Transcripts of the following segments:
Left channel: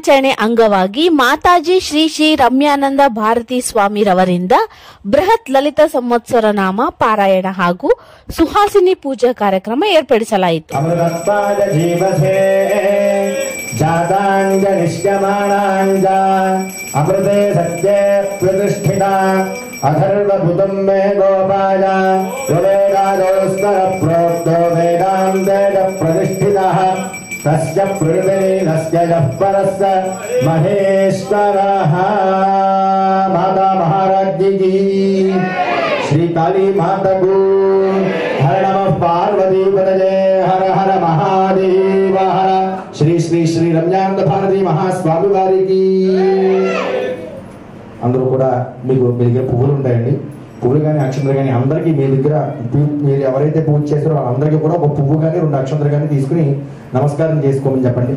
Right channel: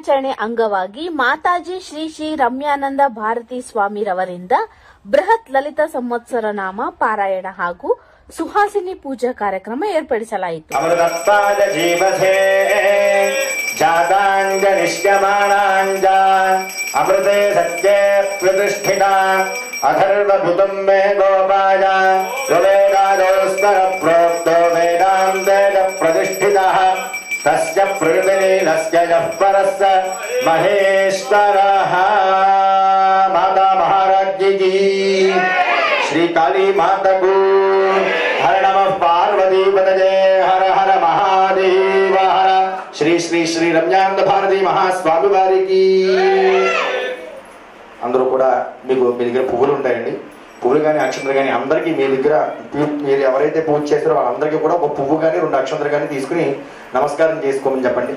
ದಿನಾಚರಣೆ ಅಂಗವಾಗಿ ಮಾತಾಜಿ ಶ್ರೀ ಶ್ರೀ ರಮ್ಯಾನಂದ ಭಾರತಿ ಸ್ವಾಮಿರವರಿಂದ ಬೃಹತ್ ಲಲಿತ ಸಂವತ್ಸರ ನಾಮ ಪಾರಾಯಣ ಹಾಗೂ ಸುಹಾಸಿನಿ ಪೂಜಾ ಕಾರ್ಯಕ್ರಮ ಏರ್ಪಡಿಸಲಾಯಿತು. ಅಮೃತೆ ಸತ್ಯ ಪ್ರತಿಷ್ಠಿತ ಅಧರ್ವಭುತಂ ಮೇ ಗೋಪಾಯ ವೇದಾದೋಸ್ತರ ಪ್ರೋಕ್ತೋ ವೇದಾಂತೇನ ಪ್ರತಿಷ್ಠಿತಃ तस्य प्रकृतिलीलस्य यः परस्य महेश्वरः। माता महाराज की श्री काली माता को हर नमः पार्वती पतये हर हर महादेव हर श्री श्री श्री रम्यानंद भारती महास्वामी वारिकी। అందరూ కూడా మీకు మీ దగ్గర పువ్వులు ఉంటాయండి, పువ్వులు కానీ అక్షంతలు కానీ అందరికీ మీ దగ్గర మీరు ఎవరైతే పూజ చేస్తారో వాళ్ళందరికీ కూడా ఒక పువ్వు కానీ 2 అక్షంతలు కానీ తీసుకుని నమస్కారం చేసుకోమని చెప్పండి.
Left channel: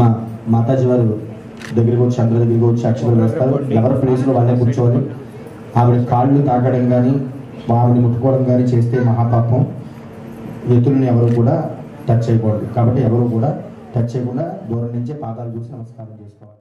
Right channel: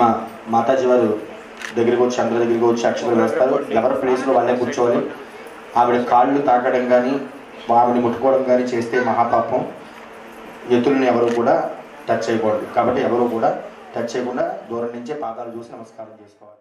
మా మాతాజీ వారు దగ్గరికి వచ్చి అందరి దగ్గరికి వచ్చి అక్షంతలు వేస్తారు. ఎవరి ప్లేస్లో వాళ్ళే కూర్చోవాలి. ఆవిడ కాళ్ళు తాకడం కానీ ఆవిడని ముట్టుకోవడం కానీ చేస్తే మహాపాపం. ఎత్తులను ఎవరు కూడా టచ్ చేయకూడదు. కాబట్టి ఎవరు కూడా టచ్ చేయకుండా దూరం నుంచే పాదాలు చూసి నమస్కారం చేసుకోవాలి.